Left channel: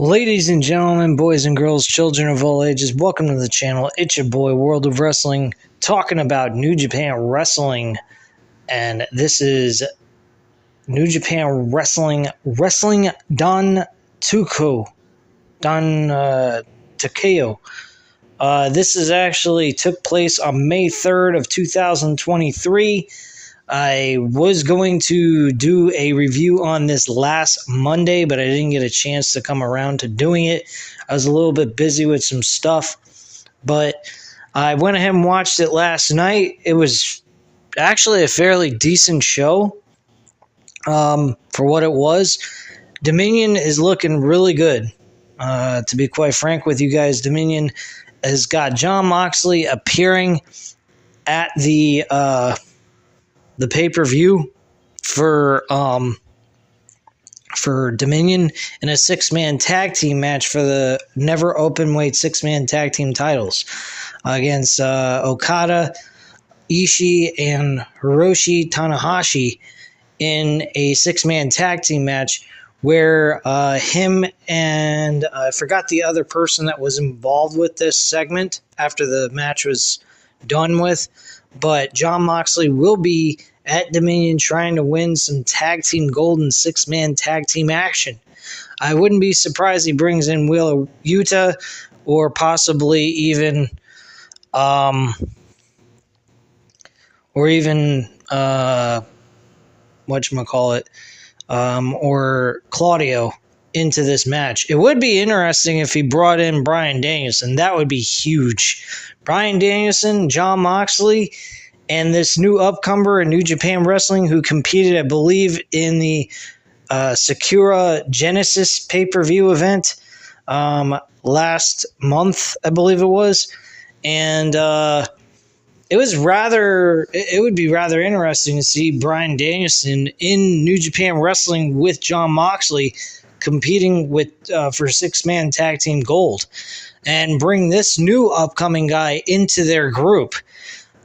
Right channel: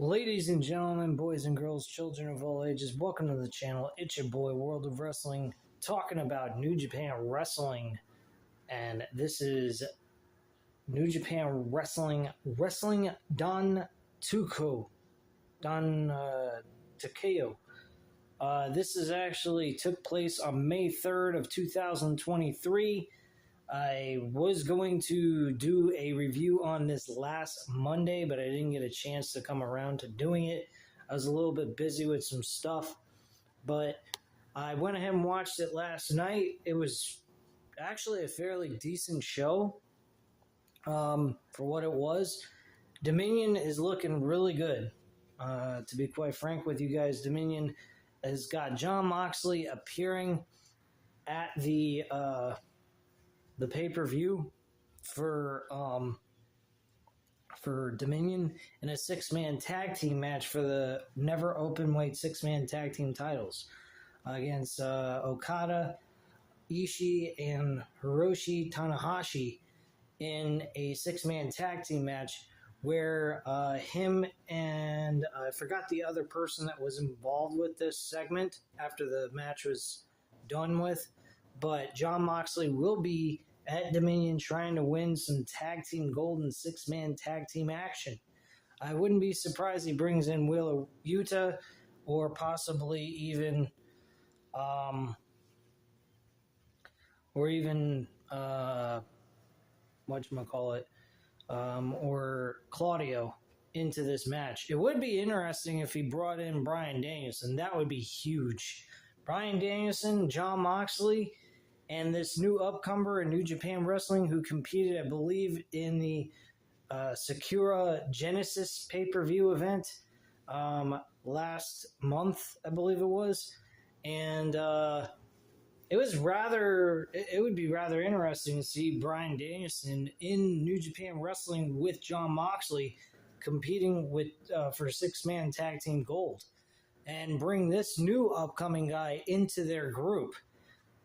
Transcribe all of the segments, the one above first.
Ladies and gentlemen, boys and girls, children of all ages, welcome to the channel. It's your boy, World of Wrestling, talking about New Japan Wrestling. And this is New Japan Wrestling Dontaku. Takeo. This is actually took place on May 3rd of 2023. I was going to do a review on this last Monday, but I didn't get a chance to come around to doing it. I was a little bit busy with some stuff, but I went ahead and watched it last night. It was actually a fairly decent show for what it was. Dominion is looking really good. To be quite frank with you guys, Dominion has got Jon Moxley appearing at the pay-per-view for Dominion in a six-man tag team match for the never open-weight six-man tag team titles against Okada, Ishii, and Hiroshi Tanahashi in a six-man tag team match where him and I forgot the other person that was involved with this segment after the match was done with, but Jon Moxley will be at Dominion trying to win some tag team gold and six-man tag team action. I wouldn't be surprised he brings in Wheeler Yuta or possibly even or Claudio into this match. It would be interesting if he brought in Bryan Danielson. That would be huge. Bryan Danielson, Jon Moxley, and this new upcomer in New Japan Wrestling who competed, I believe, in the Sakura Genesis pay-per-view event last month, I believe it was. And it would be rather interesting to see Bryan Danielson in New Japan Wrestling with Jon Moxley competing with for six-man tag team gold and bring this new upcoming guy into their group.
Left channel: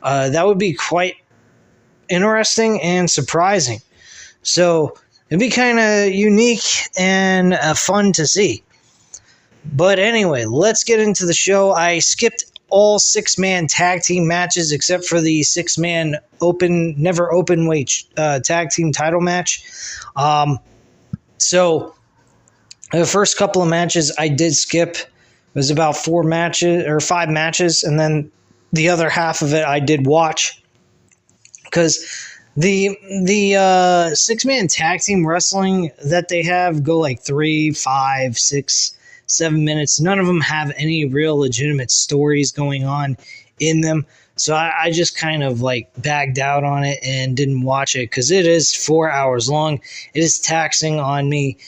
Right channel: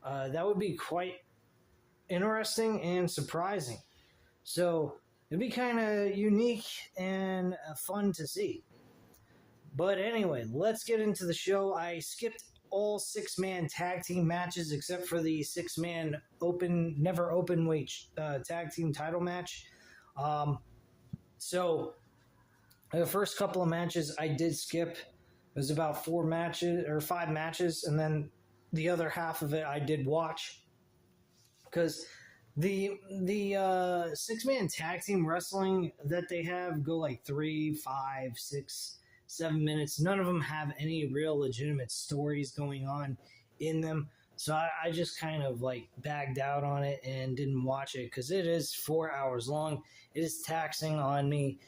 That would be quite interesting and surprising. So it'd be kind of unique and fun to see. But anyway, let's get into the show. I skipped all six-man tag team matches except for the six-man never open weight tag team title match. So the first couple of matches I did skip. It was about 5 matches, and then the other half of it I did watch because the six-man tag team wrestling that they have go like 3, 5, 6, 7 minutes. None of them have any real legitimate stories going on in them. So I just kind of like bagged out on it and didn't watch it because it is 4 hours long. It is taxing on me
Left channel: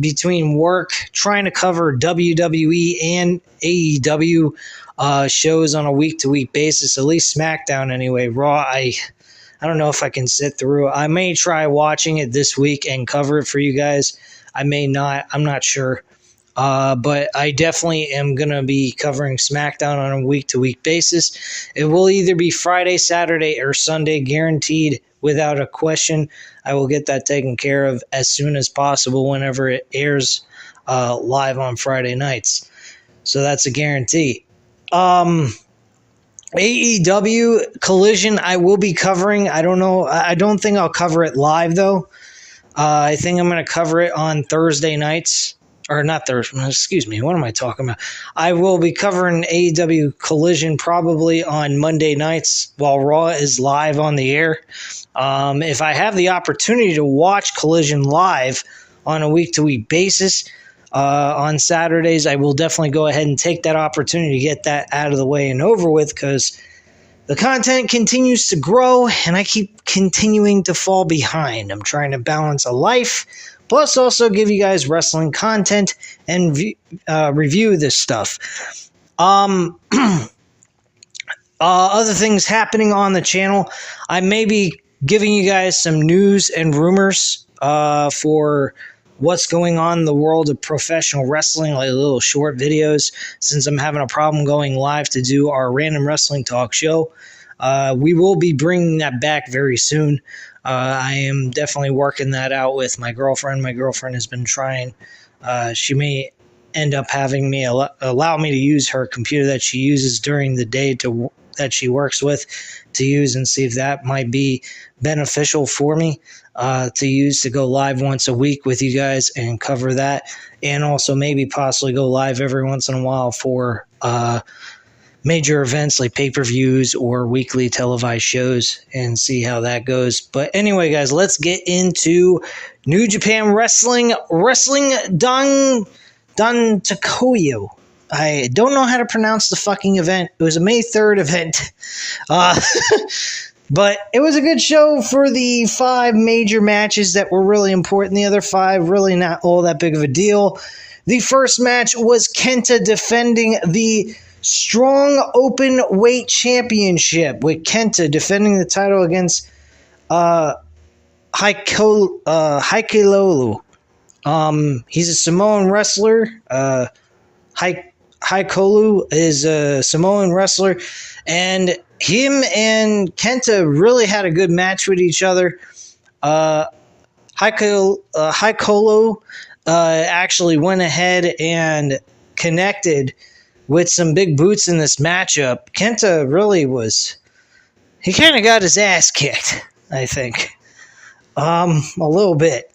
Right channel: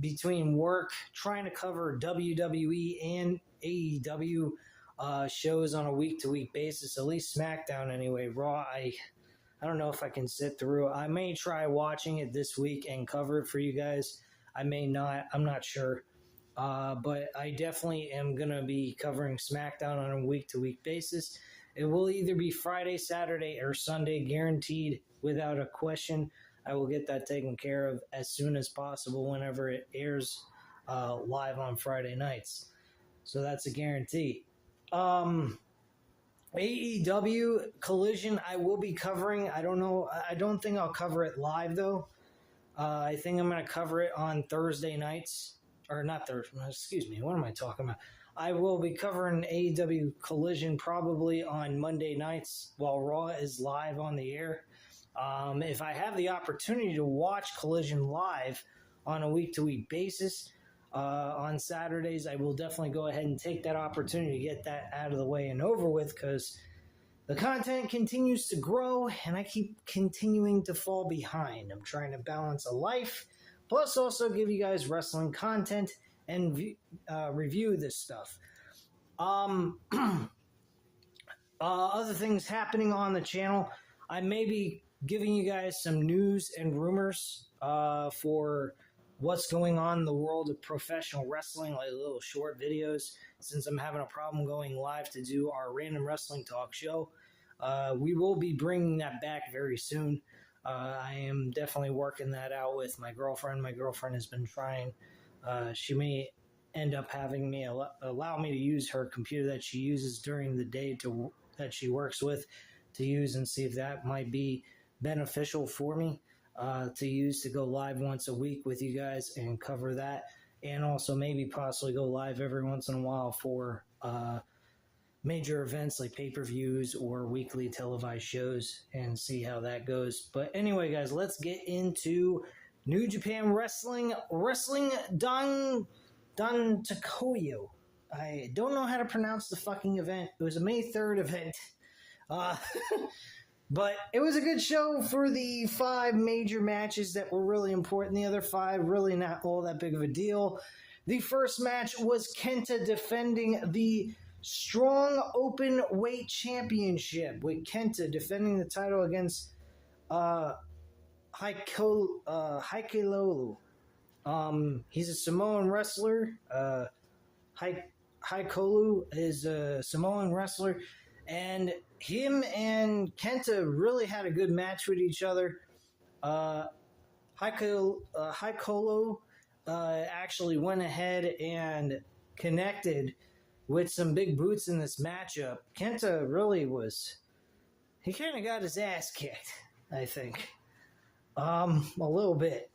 between work, trying to cover WWE and AEW shows on a week-to-week basis, at least SmackDown anyway. Raw, I don't know if I can sit through. I may try watching it this week and cover it for you guys. I may not. I'm not sure. But I definitely am going to be covering SmackDown on a week-to-week basis. It will either be Friday, Saturday, or Sunday, guaranteed without a question. I will get that taken care of as soon as possible whenever it airs live on Friday nights. So that's a guarantee. AEW Collision I will be covering. I don't know. I don't think I'll cover it live, though. I think I'm going to cover it on Thursday nights. Or not Thursday, excuse me. What am I talking about? I will be covering AEW Collision probably on Monday nights while Raw is live on the air. If I have the opportunity to watch Collision live on a week-to-week basis on Saturdays, I will definitely go ahead and take that opportunity to get that out of the way and over with because the content continues to grow and I keep continuing to fall behind. I'm trying to balance a life, plus also give you guys wrestling content and review this stuff. Other things happening on the channel, I may be giving you guys some news and rumors for what's going on in the world of professional wrestling, like little short videos, since I'm having a problem going live to do our random wrestling talk show. We will be bringing that back very soon. I am definitely working that out with my girlfriend. My girlfriend has been trying She may end up having me allow me to use her computer that she uses during the day that she works with to use, and see if that might be beneficial for me to use to go live once a week with you guys and cover that, and also maybe possibly go live every once in a while for major events like pay-per-views or weekly televised shows and see how that goes. But anyway, guys, let's get into New Japan Wrestling Dontaku. I don't know how to pronounce the fucking event. It was a May 3rd event. But it was a good show for the 5 major matches that were really important. The other 5 really not all that big of a deal. The first match was Kenta defending the Strong Open Weight Championship, with Kenta defending the title against Haikilolu. He's a Samoan wrestler. Haikolu is a Samoan wrestler, and him and Kenta really had a good match with each other. Haikolu actually went ahead and connected with some big boots in this matchup. Kenta really he kind of got his ass kicked, I think. A little bit.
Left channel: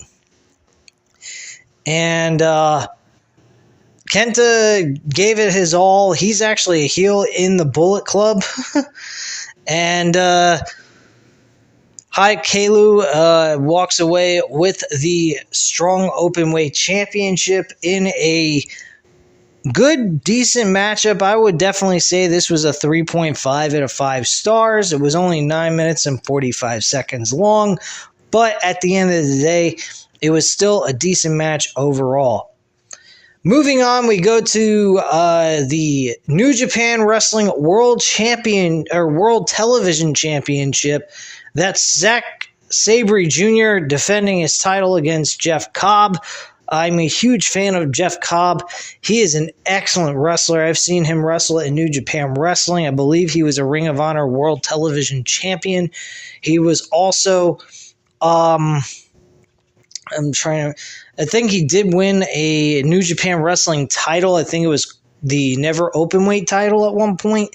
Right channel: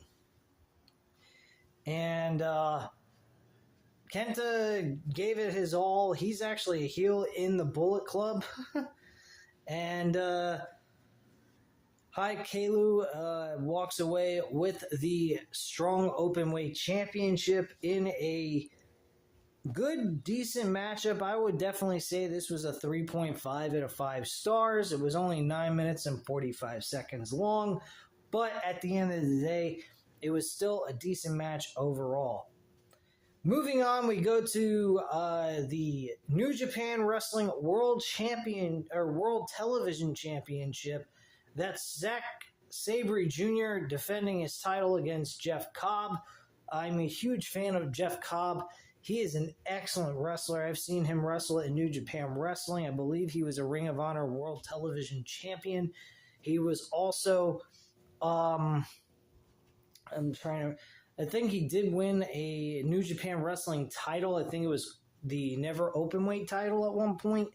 And Kenta gave it his all. He's actually a heel in the Bullet Club. And Haikelu walks away with the Strong Openweight Championship in a good, decent matchup. I would definitely say this was a 3.5 out of 5 stars. It was only 9 minutes and 45 seconds long, but at the end of the day, it was still a decent match overall. Moving on, we go to the New Japan Wrestling World Television Championship. That's Zack Sabre Jr. defending his title against Jeff Cobb. I'm a huge fan of Jeff Cobb. He is an excellent wrestler. I've seen him wrestle in New Japan Wrestling. I believe he was a Ring of Honor World Television Champion. He was also, I think he did win a New Japan Wrestling title. I think it was the Never Openweight title at one point.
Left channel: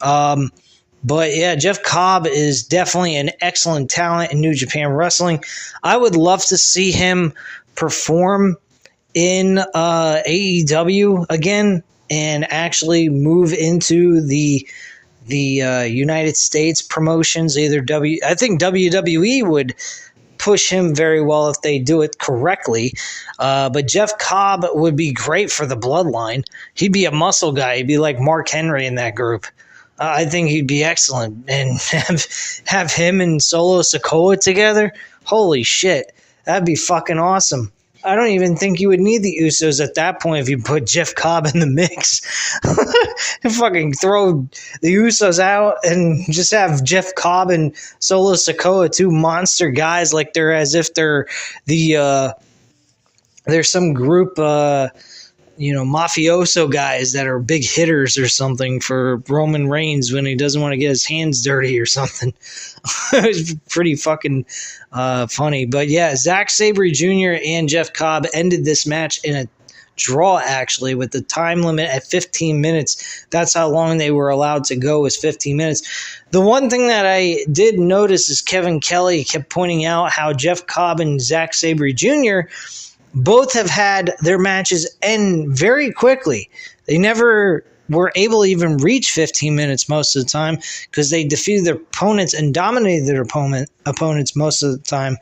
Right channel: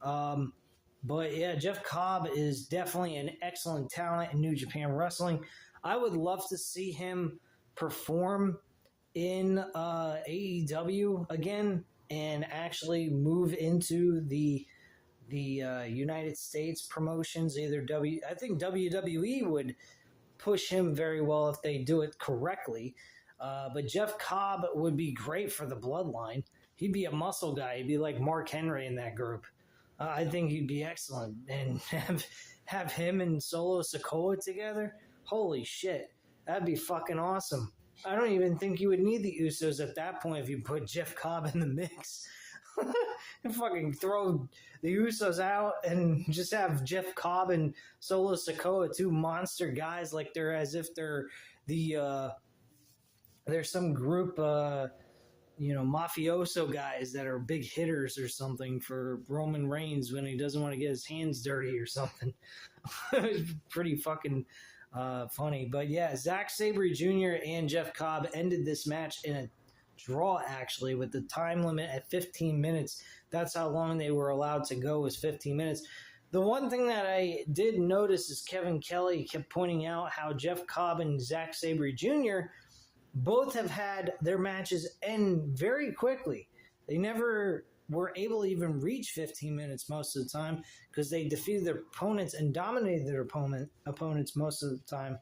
But yeah, Jeff Cobb is definitely an excellent talent in New Japan Wrestling. I would love to see him perform in AEW again and actually move into the United States promotions. I think WWE would push him very well if they do it correctly. But Jeff Cobb would be great for the Bloodline. He'd be a muscle guy. He'd be like Mark Henry in that group. I think he'd be excellent. And have him and Solo Sikoa together? Holy shit. That'd be fucking awesome. I don't even think you would need the Usos at that point if you put Jeff Cobb in the mix. Fucking throw the Usos out and just have Jeff Cobb and Solo Sikoa, 2 monster guys, like they're as if they're there's some group mafioso guys that are big hitters or something for Roman Reigns when he doesn't want to get his hands dirty or something. It was pretty fucking funny. But yeah, Zack Sabre Jr. and Jeff Cobb ended this match in a draw, actually, with the time limit at 15 minutes. That's how long they were allowed to go, was 15 minutes. The one thing that I did notice is Kevin Kelly kept pointing out how Jeff Cobb and Zack Sabre Jr. both have had their matches end very quickly. They never were able to even reach 15 minutes most of the time because they defeated their opponents and dominated their opponents most of the time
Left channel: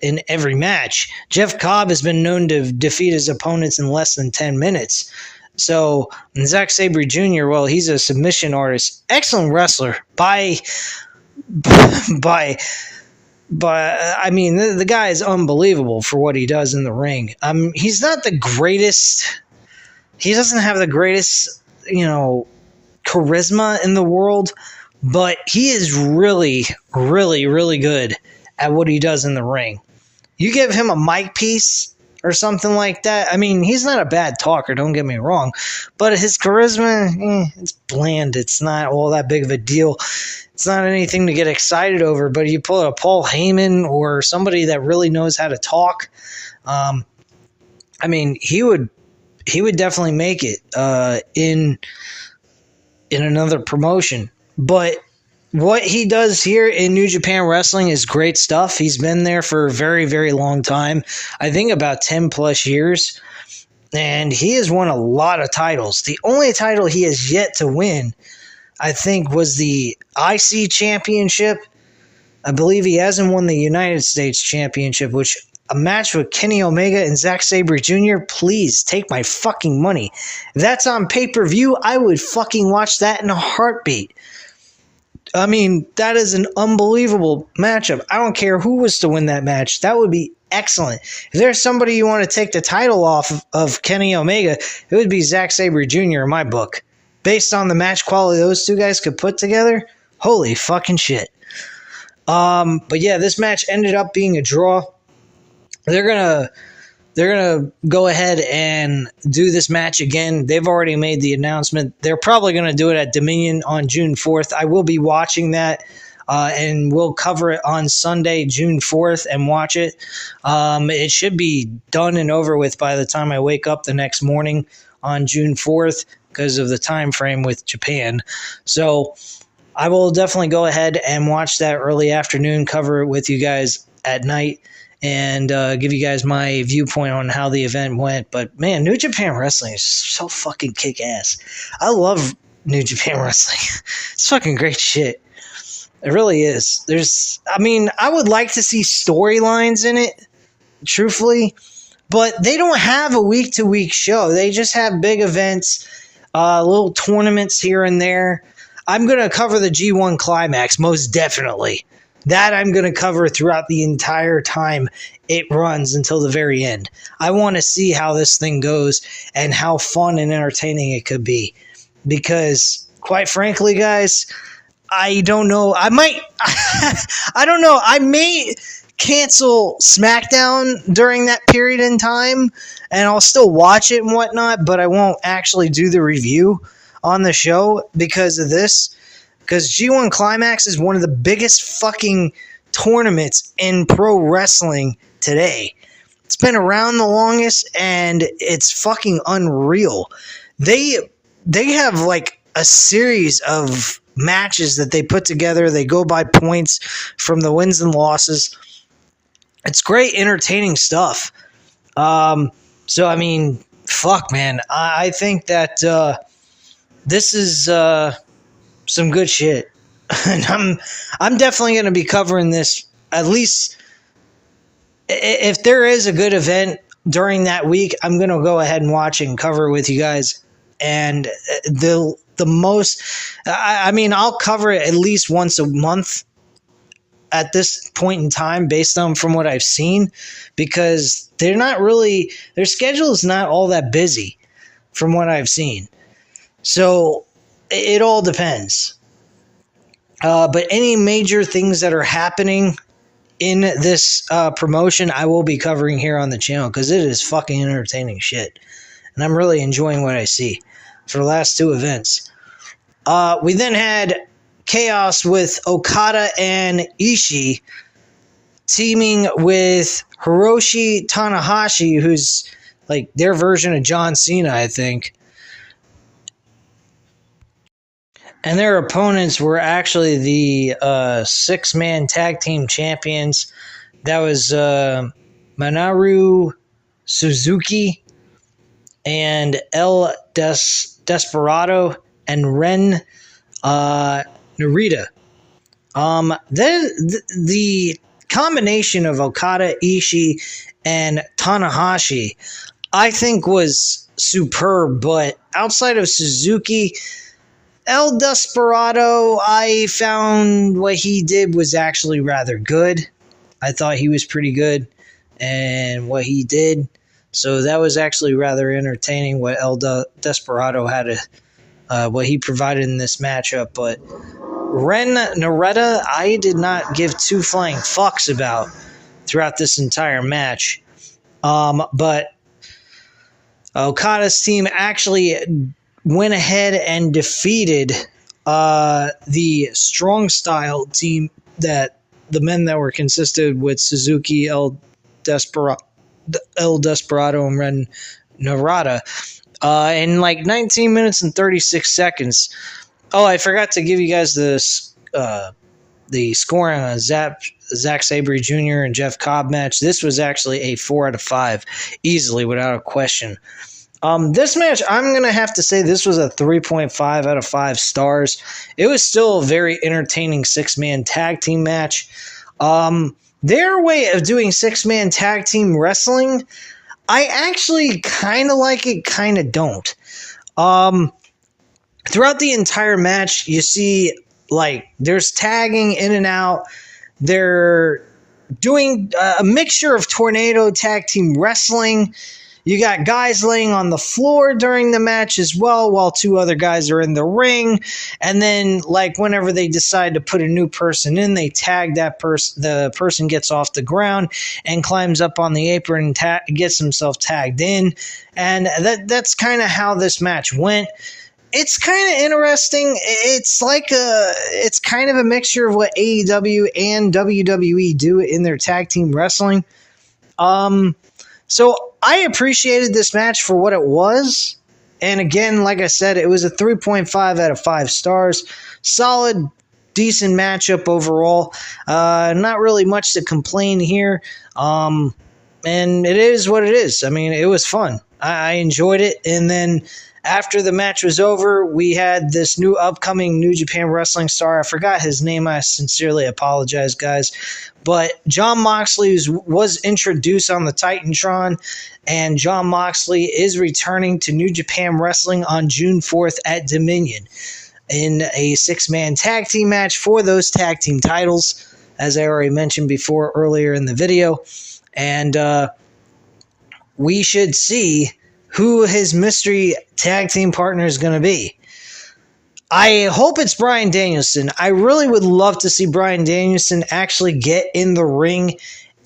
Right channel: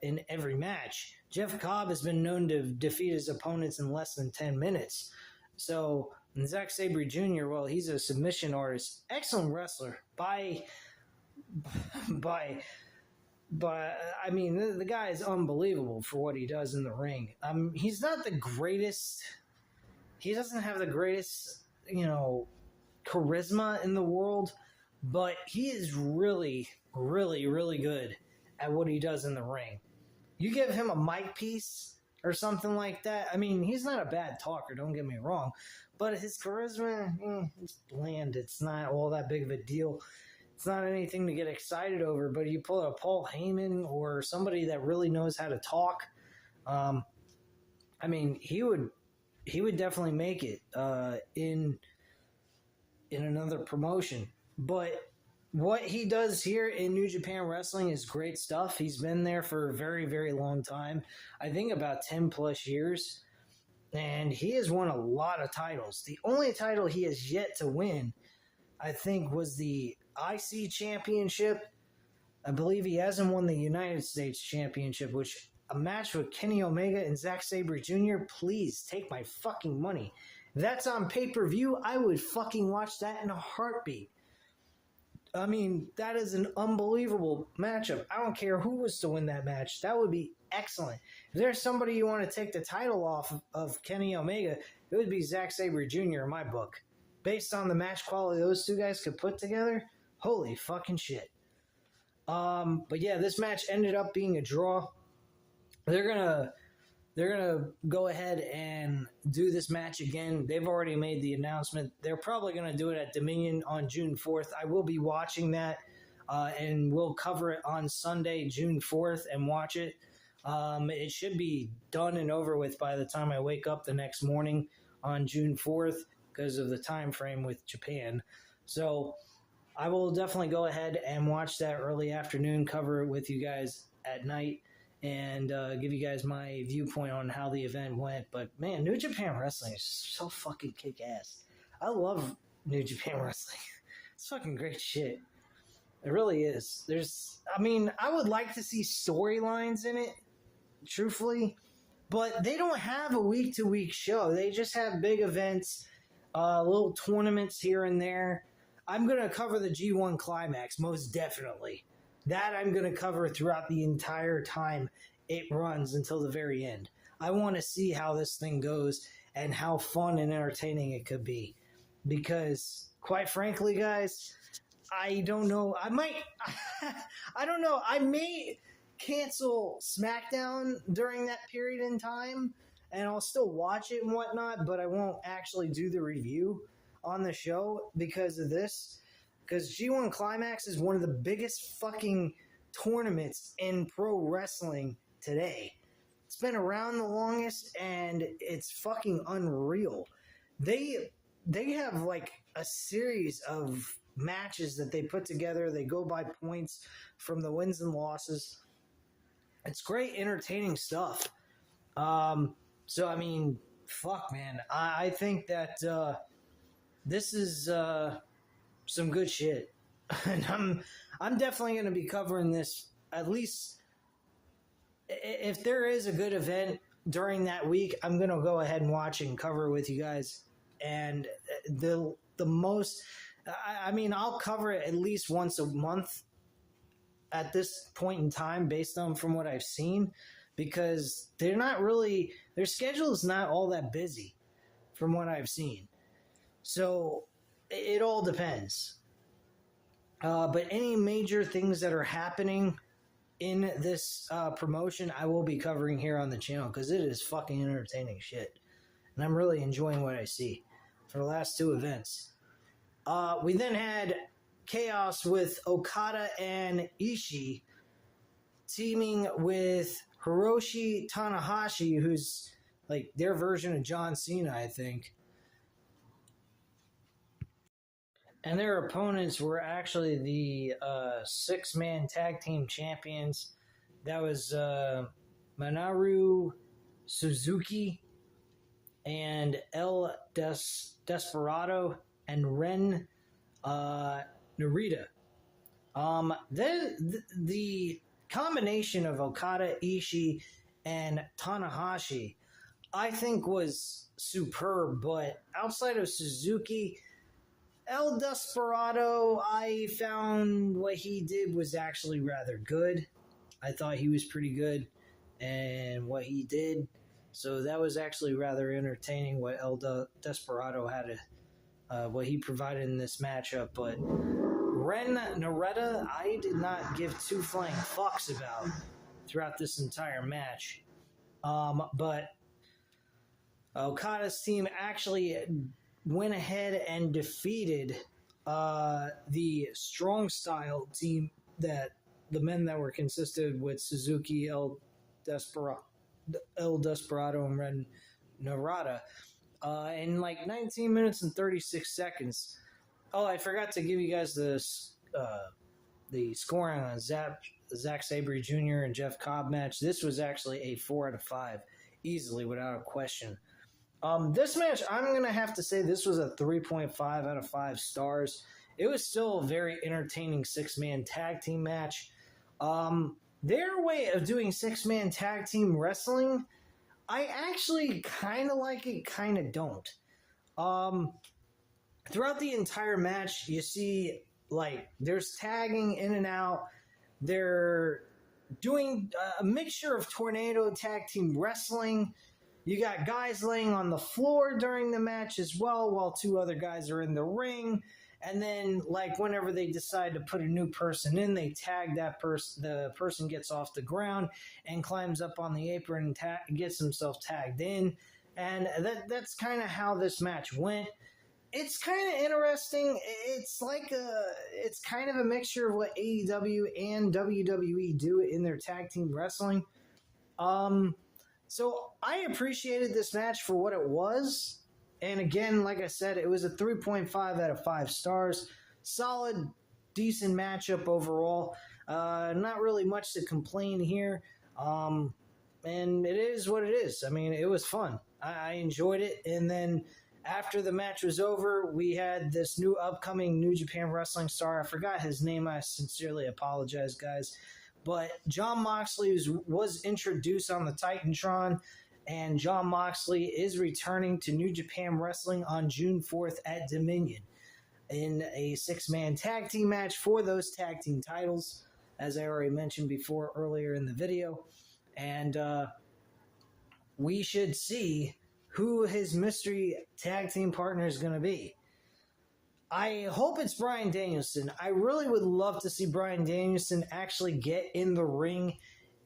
in every match. Jeff Cobb has been known to defeat his opponents in less than 10 minutes. So Zack Sabre Jr., well, he's a submission artist. Excellent wrestler by I mean, the guy is unbelievable for what he does in the ring. He's not the greatest. He doesn't have the greatest, charisma in the world, but he is really, really, really good at what he does in the ring. You give him a mic piece or something like that. I mean, he's not a bad talker, don't get me wrong, but his charisma, it's bland. It's not all that big of a deal. It's not anything to get excited over, but you pull a Paul Heyman or somebody that really knows how to talk, I mean, he would definitely make it in another promotion. But what he does here in New Japan Wrestling is great stuff. He's been there for a very, very long time. I think about 10 plus years. And he has won a lot of titles. The only title he has yet to win, I think, was the IC Championship. I believe he hasn't won the United States Championship, which a match with Kenny Omega and Zack Sabre Jr., please take my fucking money. If that's on pay-per-view, I would fucking watch that in a heartbeat. I mean, that is an unbelievable matchup. I don't care who was to win that match. That would be excellent. If there's somebody you want to take the title off of Kenny Omega, it would be Zack Sabre Jr. in my book. Based on the match quality those two guys could put together, holy fucking shit. But yeah, this match ended up being a draw. They're gonna go ahead and do this match again. They've already made the announcement. They're probably gonna do it at Dominion on June 4th. I will be watching that, and we'll cover it on Sunday, June 4th, and watch it. It should be done and over with by the time I wake up the next morning on June 4th because of the time frame with Japan. So I will definitely go ahead and watch that early afternoon, cover it with you guys at night, and give you guys my viewpoint on how the event went. But man, New Japan Wrestling is so fucking kick-ass. I love New Japan Wrestling. It's fucking great shit. It really is. I would like to see storylines in it, truthfully, but they don't have a week-to-week show. They just have big events, little tournaments here and there. I'm going to cover the G1 Climax, most definitely. That I'm going to cover throughout the entire time it runs until the very end. I want to see how this thing goes and how fun and entertaining it could be. Because, quite frankly, guys, I don't know. I don't know. I may cancel SmackDown during that period in time, and I'll still watch it and whatnot, but I won't actually do the review on the show because of this. Because G1 Climax is one of the biggest fucking tournaments in pro wrestling today. It's been around the longest, and it's fucking unreal. They have like a series of matches that they put together. They go by points from the wins and losses. It's great, entertaining stuff. So, I mean, fuck, man. I think that this is some good shit. And I'm definitely going to be covering this, at least if there is a good event during that week, I'm going to go ahead and watch it and cover it with you guys. And the most, I'll cover it at least once a month at this point in time based on from what I've seen, because their schedule is not all that busy from what I've seen. So it all depends. But any major things that are happening in this promotion, I will be covering here on the channel because it is fucking entertaining shit. And I'm really enjoying what I see for the last two events. We then had Chaos with Okada and Ishii teaming with Hiroshi Tanahashi, who's like their version of John Cena, I think. And their opponents were actually the 6-man tag team champions. That was Minoru Suzuki and El Desperado and Ren Narita. Then the combination of Okada, Ishii, and Tanahashi, I think, was superb. But outside of Suzuki, El Desperado, I found what he did was actually rather good. I thought he was pretty good and what he did. So that was actually rather entertaining what El Desperado had what he provided in this matchup. But Ren Narita, I did not give two flying fucks about throughout this entire match. But Okada's team actually went ahead and defeated the Strong Style team, that the men that were consisted with Suzuki, El Desperado, El Desperado and Ren Narada in like 19 minutes and 36 seconds. Oh, I forgot to give you guys the scoring on Zack Sabre Jr. and Jeff Cobb match. This was actually a 4 out of 5, easily, without a question. This match, I'm going to have to say this was a 3.5 out of 5 stars. It was still a very entertaining 6-man tag team match. Their way of doing 6-man tag team wrestling, I actually kind of like it, kind of don't. Throughout the entire match, you see, like, there's tagging in and out. They're doing a mixture of tornado tag team wrestling. You got guys laying on the floor during the match as well, while 2 other guys are in the ring. And then, like, whenever they decide to put a new person in, they tag that person. The person gets off the ground and climbs up on the apron and gets himself tagged in. And that's kind of how this match went. It's kind of interesting. It's kind of a mixture of what AEW and WWE do in their tag team wrestling. So I appreciated this match for what it was. And again, like I said, it was a 3.5 out of 5 stars. Solid, decent matchup overall. Not really much to complain here. And it is what it is. I mean, it was fun. I enjoyed it. And then after the match was over, we had this new upcoming New Japan Wrestling star. I forgot his name. I sincerely apologize, guys. But Jon Moxley was introduced on the Titantron, and Jon Moxley is returning to New Japan Wrestling on June 4th at Dominion in a 6-man tag team match for those tag team titles, as I already mentioned before earlier in the video. And we should see who his mystery tag team partner is going to be. I hope it's Bryan Danielson. I really would love to see Bryan Danielson actually get in the ring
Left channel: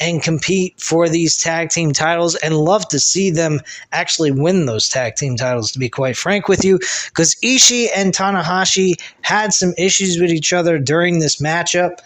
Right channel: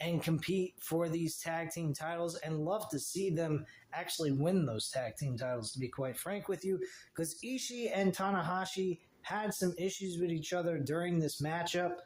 and compete for these tag team titles, and love to see them actually win those tag team titles, to be quite frank with you, because Ishii and Tanahashi had some issues with each other during this matchup.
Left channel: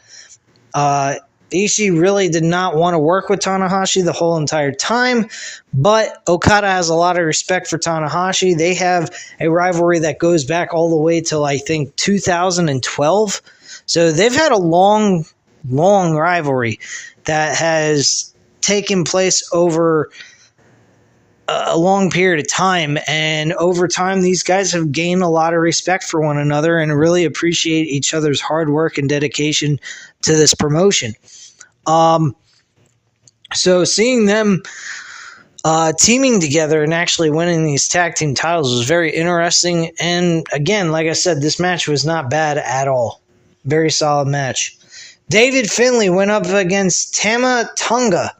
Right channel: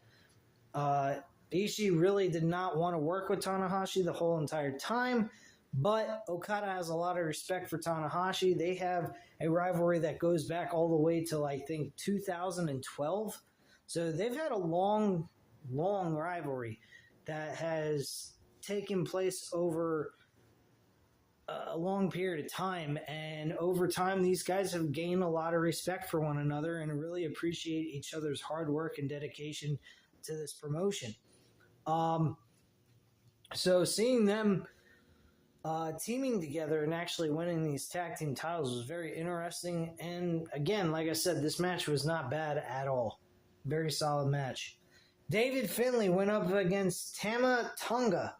Ishii really did not want to work with Tanahashi the whole entire time, but Okada has a lot of respect for Tanahashi. They have a rivalry that goes back all the way till, I think, 2012. So they've had a long, long rivalry that has taken place over a long period of time. And over time, these guys have gained a lot of respect for one another and really appreciate each other's hard work and dedication to this promotion. So seeing them teaming together and actually winning these tag team titles was very interesting. And again, like I said, this match was not bad at all. Very solid match. David Finlay went up against Tama Tonga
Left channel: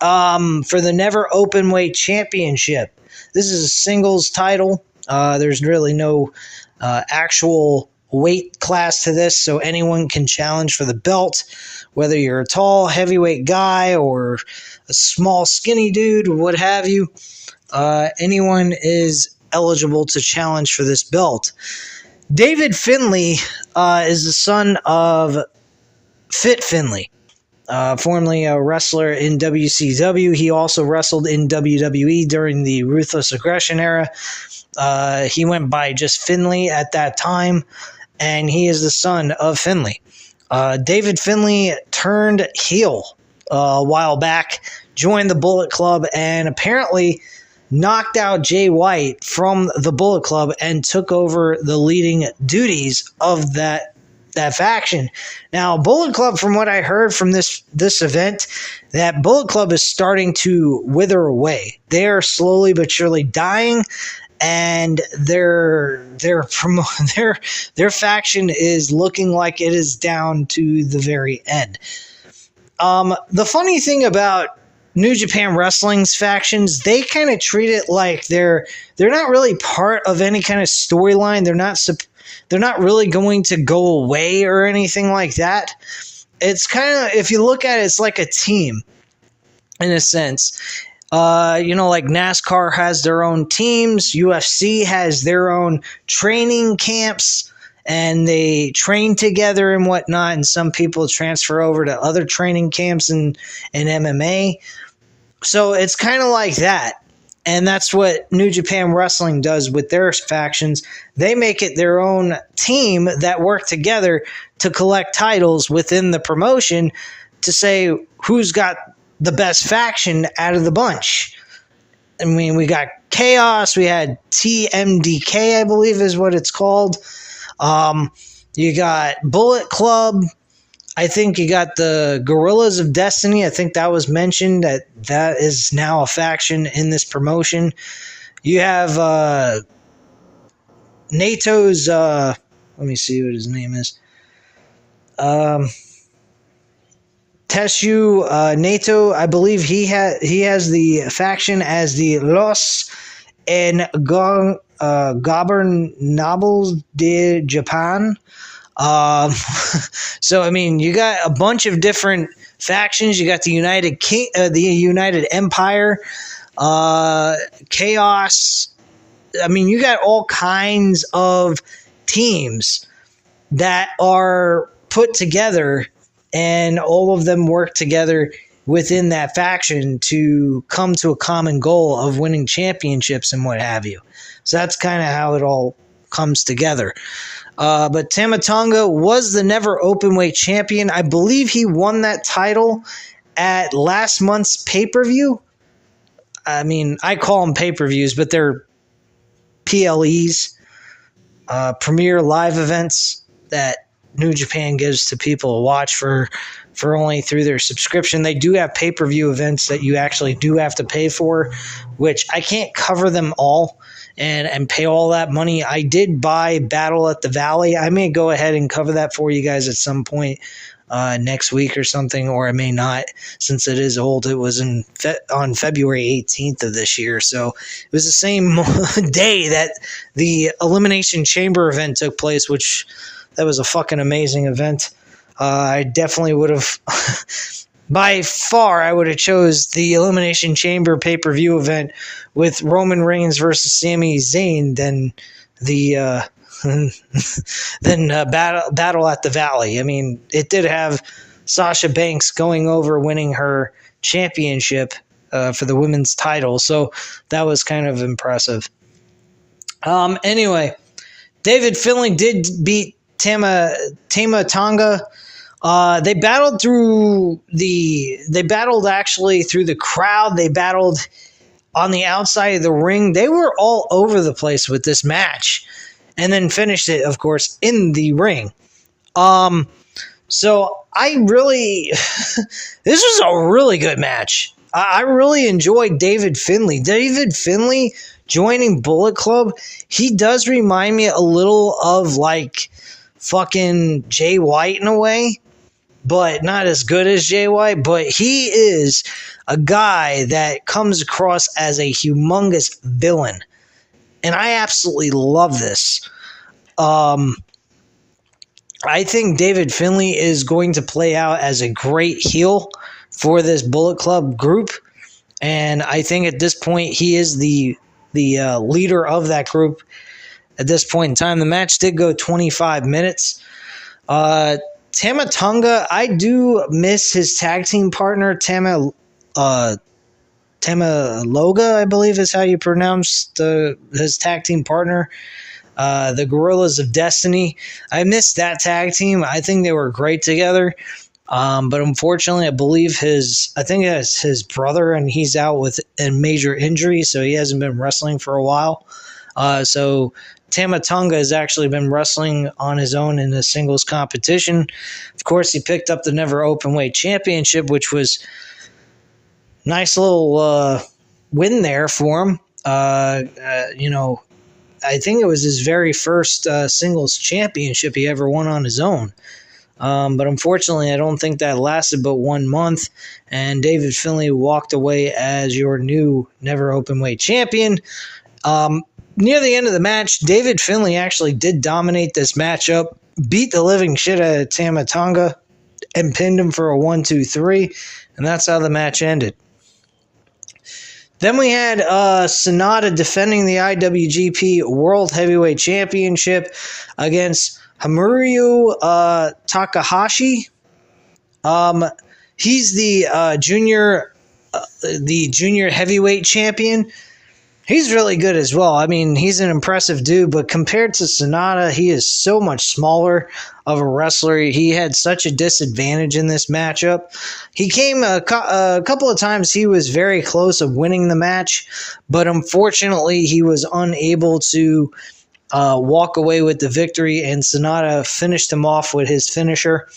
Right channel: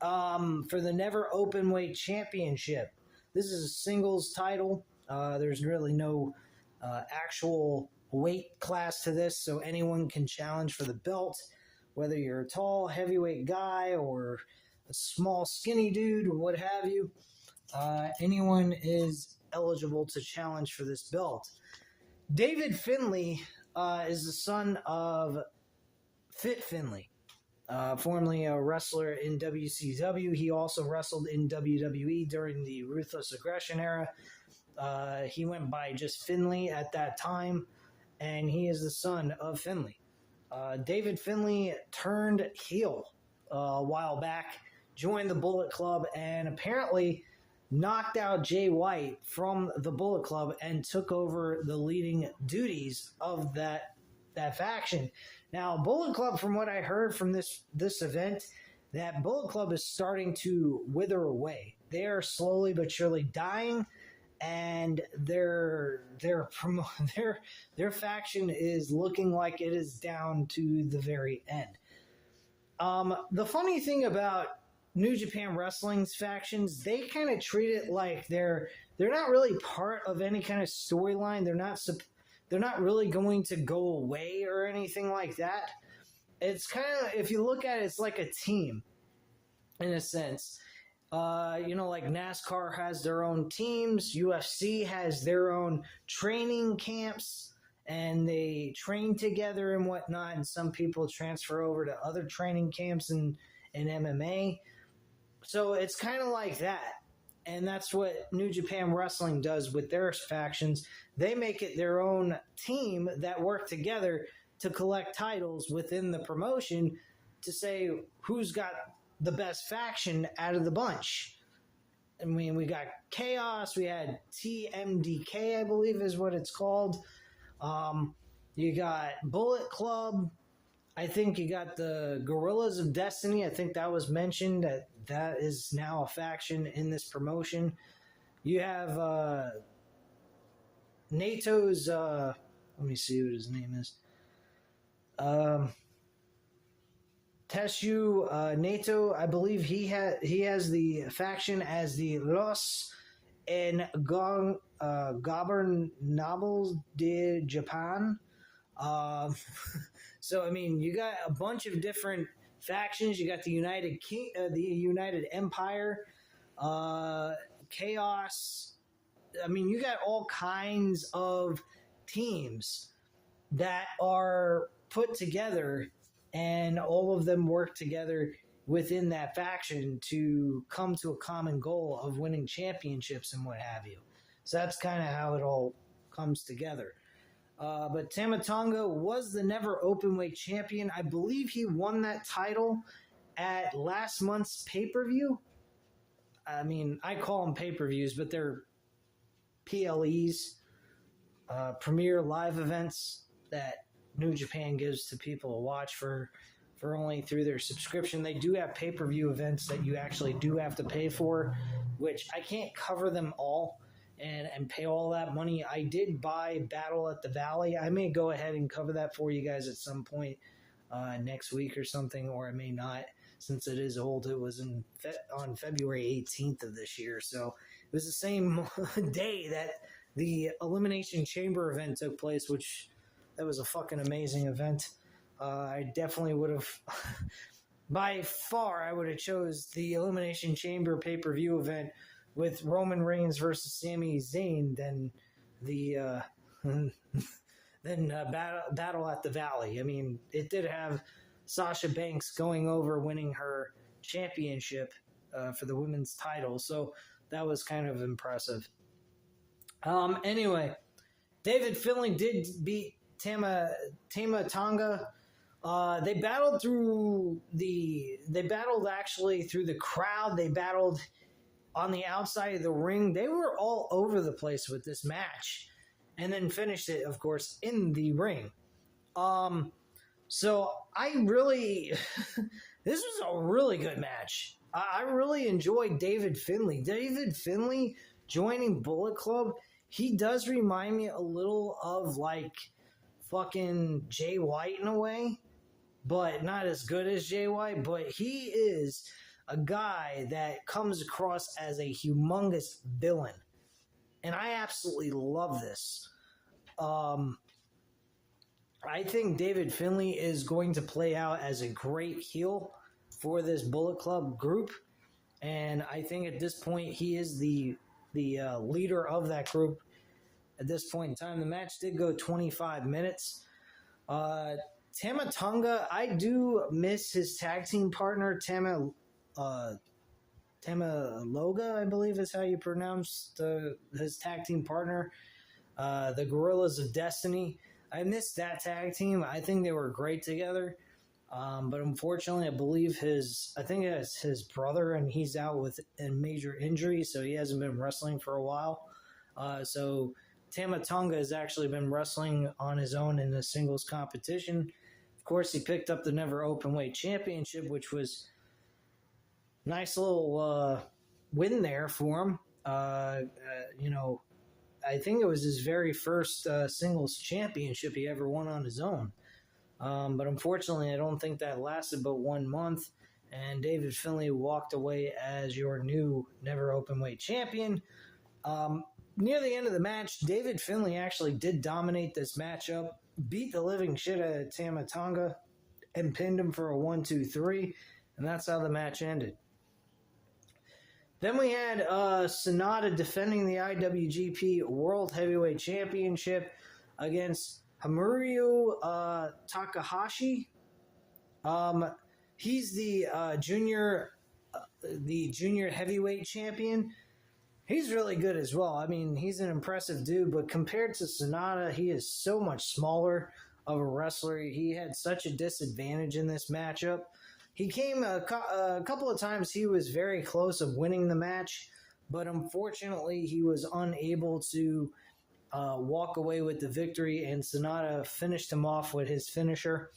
for the Never Openweight Championship. This is a singles title. There's really no actual weight class to this, so anyone can challenge for the belt. Whether you're a tall, heavyweight guy or a small, skinny dude, or what have you, anyone is eligible to challenge for this belt. David Finlay is the son of Fit Finlay, formerly a wrestler in WCW. He also wrestled in WWE during the Ruthless Aggression era. He went by just Finlay at that time, and he is the son of Finlay. David Finlay turned heel a while back, joined the Bullet Club, and apparently knocked out Jay White from the Bullet Club and took over the leading duties of that faction. Now, Bullet Club, from what I heard from this event, that Bullet Club is starting to wither away. They are slowly but surely dying, and their faction is looking like it is down to the very end. The funny thing about New Japan Wrestling's factions, they kind of treat it like they're not really part of any kind of storyline. They're not really going to go away or anything like that. It's kind of, if you look at it, it's like a team in a sense. Like NASCAR has their own teams, UFC has their own training camps, and they train together and whatnot, and some people transfer over to other training camps in MMA. So it's kind of like that. And that's what New Japan Wrestling does with their factions. They make it their own team that work together to collect titles within the promotion to say who's got the best faction out of the bunch. I mean, we got Chaos. We had TMDK, I believe is what it's called. You got Bullet Club. I think you got the Gorillas of Destiny. I think that was mentioned that is now a faction in this promotion. You have NATO's, let me see what his name is. Teshu NATO, I believe he has the faction as the Los Gobernables de Japan. So I mean, you got a bunch of different factions. You got the United Empire, Chaos. I mean, you got all kinds of teams that are put together, and all of them work together within that faction to come to a common goal of winning championships and what have you. So that's kind of how it all comes together. But Tama Tonga was the never openweight champion. I believe he won that title at last month's pay-per-view. I mean, I call them pay-per-views, but they're PLEs, premier live events that New Japan gives to people to watch for only through their subscription. They do have pay-per-view events that you actually do have to pay for, which I can't cover them all and pay all that money. I did buy Battle at the Valley. I may go ahead and cover that for you guys at some point next week or something, or I may not, since it is old. It was on February 18th of this year, so it was the same day that the Elimination Chamber event took place, which that was a fucking amazing event. I definitely would have, by far, I would have chose the Elimination Chamber pay-per-view event with Roman Reigns versus Sami Zayn than the Battle at the Valley. I mean, it did have Sasha Banks going over, winning her championship for the women's title, so that was kind of impressive. Anyway, David Finlay did beat Tama Tonga. They battled actually through the crowd. They battled on the outside of the ring. They were all over the place with this match, and then finished it, of course, in the ring. So I really, this was a really good match. I really enjoyed David Finlay. David Finlay joining Bullet Club, he does remind me a little of like fucking Jay White in a way, but not as good as Jay White. But he is a guy that comes across as a humongous villain, and I absolutely love this. I think David Finlay is going to play out as a great heel for this Bullet Club group, and I think at this point he is the leader of that group. At this point in time, the match did go 25 minutes. Tama Tonga, I do miss his tag team partner, Tama Loga, I believe is how you pronounce his tag team partner. The Gorillas of Destiny. I missed that tag team. I think they were great together. But unfortunately, I believe it's his brother, and he's out with a major injury, so he hasn't been wrestling for a while. So Tama Tonga has actually been wrestling on his own in a singles competition. Of course, he picked up the Never Openweight Championship, which was a nice little win there for him. I think it was his very first singles championship he ever won on his own. But unfortunately, I don't think that lasted but 1 month, and David Finlay walked away as your new Never Openweight champion. Near the end of the match, David Finlay actually did dominate this matchup, beat the living shit out of Tama Tonga, and pinned him for a 1-2-3, and that's how the match ended. Then we had Sonata defending the IWGP World Heavyweight Championship against Hamuryu Takahashi. He's the junior the junior heavyweight champion, he's really good as well. I mean, he's an impressive dude, but compared to Sonata, he is so much smaller of a wrestler. He had such a disadvantage in this matchup. He came a couple of times, he was very close of winning the match, but unfortunately, he was unable to walk away with the victory, and Sonata finished him off with his finisher.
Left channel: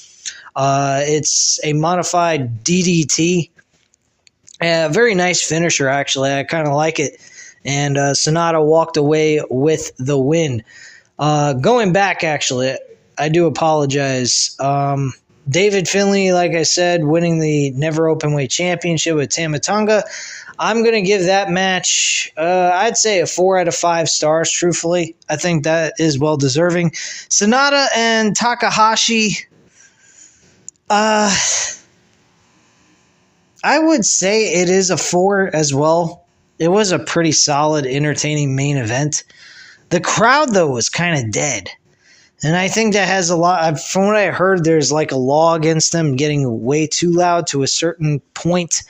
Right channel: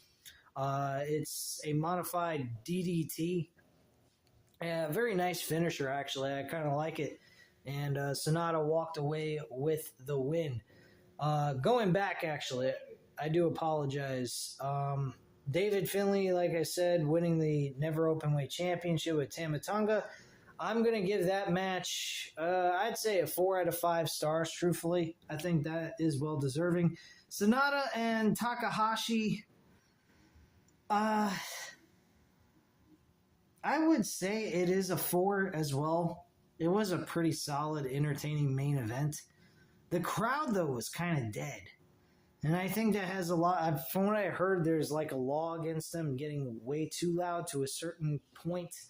It's a modified DDT. Very nice finisher, actually. I kind of like it. And Sonata walked away with the win. Going back, actually, I do apologize. David Finlay, like I said, winning the Never Openweight Championship with Tama Tonga. I'm going to give that match, I'd say a 4 out of 5 stars, truthfully. I think that is well deserving. Sonata and Takahashi, I would say it is a 4 as well. It was a pretty solid, entertaining main event. The crowd, though, was kind of dead. And I think that has a lot, from what I heard, there's like a law against them getting way too loud to a certain point.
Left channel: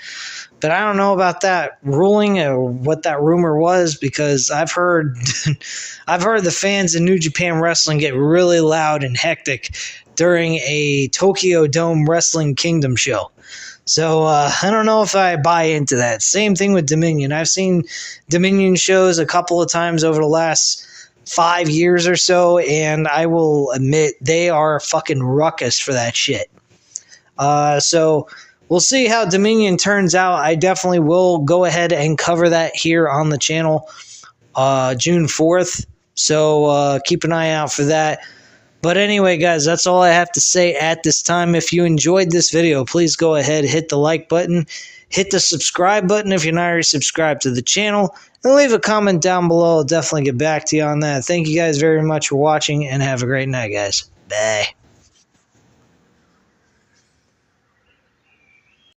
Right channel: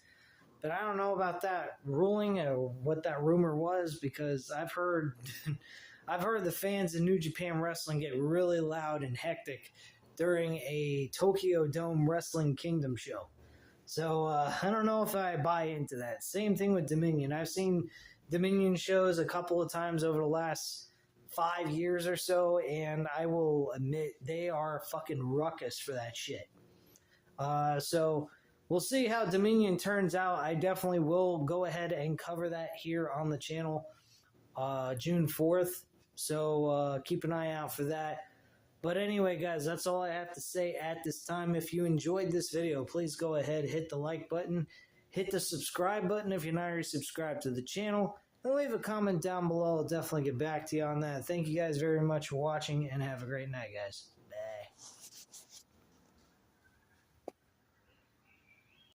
But I don't know about that ruling or what that rumor was, because I've heard the fans in New Japan Wrestling get really loud and hectic during a Tokyo Dome Wrestling Kingdom show. So I don't know if I buy into that. Same thing with Dominion. I've seen Dominion shows a couple of times over the last 5 years or so, and I will admit they are fucking ruckus for that shit. So we'll see how Dominion turns out. I definitely will go ahead and cover that here on the channel June 4th. So keep an eye out for that. But anyway, guys, that's all I have to say at this time. If you enjoyed this video, please go ahead, hit the like button, hit the subscribe button if you're not already subscribed to the channel, and leave a comment down below. I'll definitely get back to you on that. Thank you guys very much for watching, and have a great night, guys. Bye.